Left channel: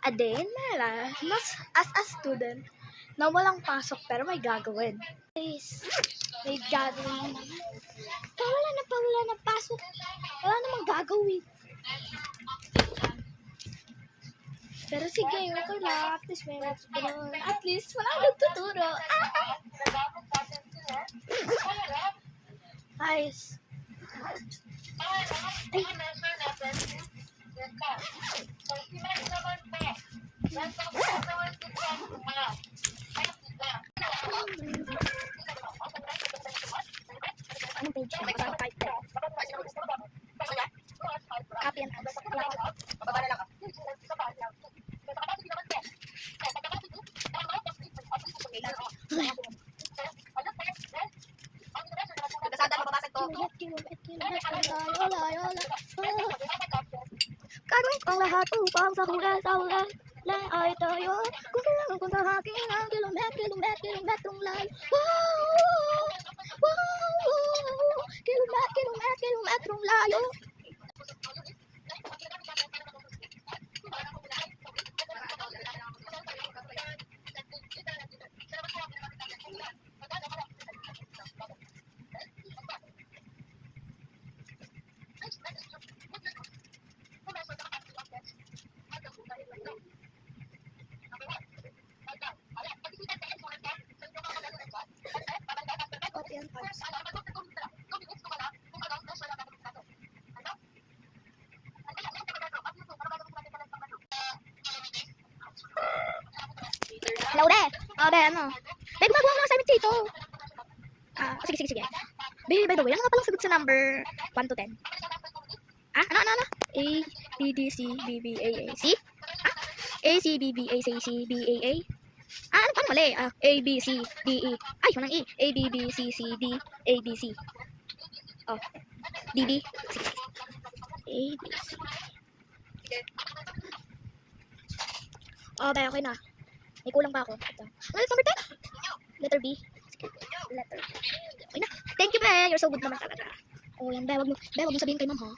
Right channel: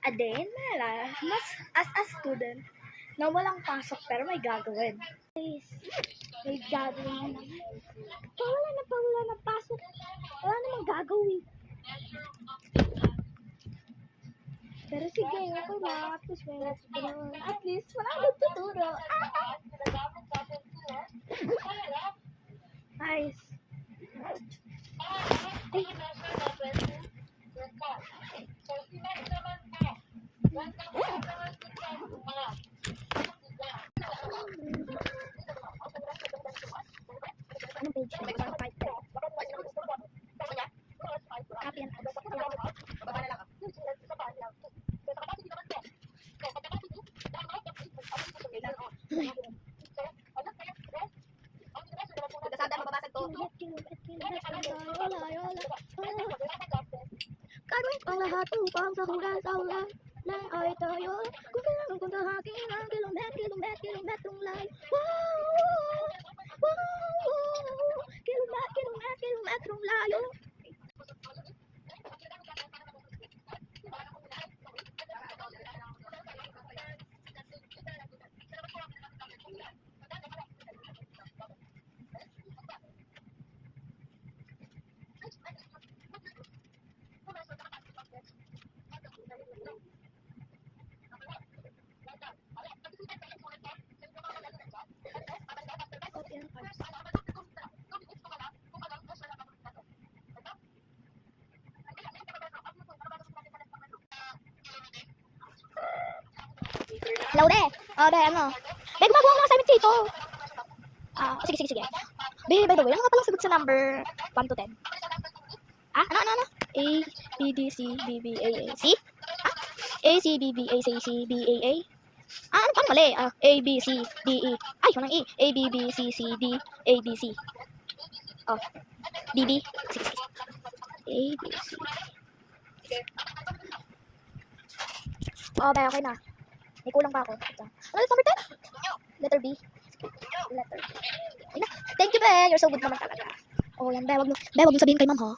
Aden, mas as a student na walang pasok pero may gagawin. Guys, may gagawin na naman. Wala na pasok. Wala namang gagawin. Pero sige, okay lang. At least may ganun. At least wala akong nagtuturo. Ayos. Ay. Anong page? Copy and paste. Gagawin ko lahat upang sa hula na ay tayo. Kung kailangan ko sa akin ang kilometrong layo. Wow, kilometrong layo. Copy and paste. Hello, de. O, de, ano? Be, gumagawa ng assignment dito. Sige. Be, by the way, ano nga palang sagot sa number 1 to 10? Ano? A, B, D, C, B, B, A, A, C? A, C, B, B, A, C, C, B, A, A? Paano mali? A, B, C, D, E. Ay, walang E. A, B, B, C, C, D, A, B, C. Oh, D, B. Sige. A, B, C. Oh, be, okay na. May kulang pa ako. Ito. Ano number 10? Letter B. Letter B. Okay na. Thank you, be. You're so good naman talaga. Oh, yan, be. Wag mo sabihin kay ma'am, ha?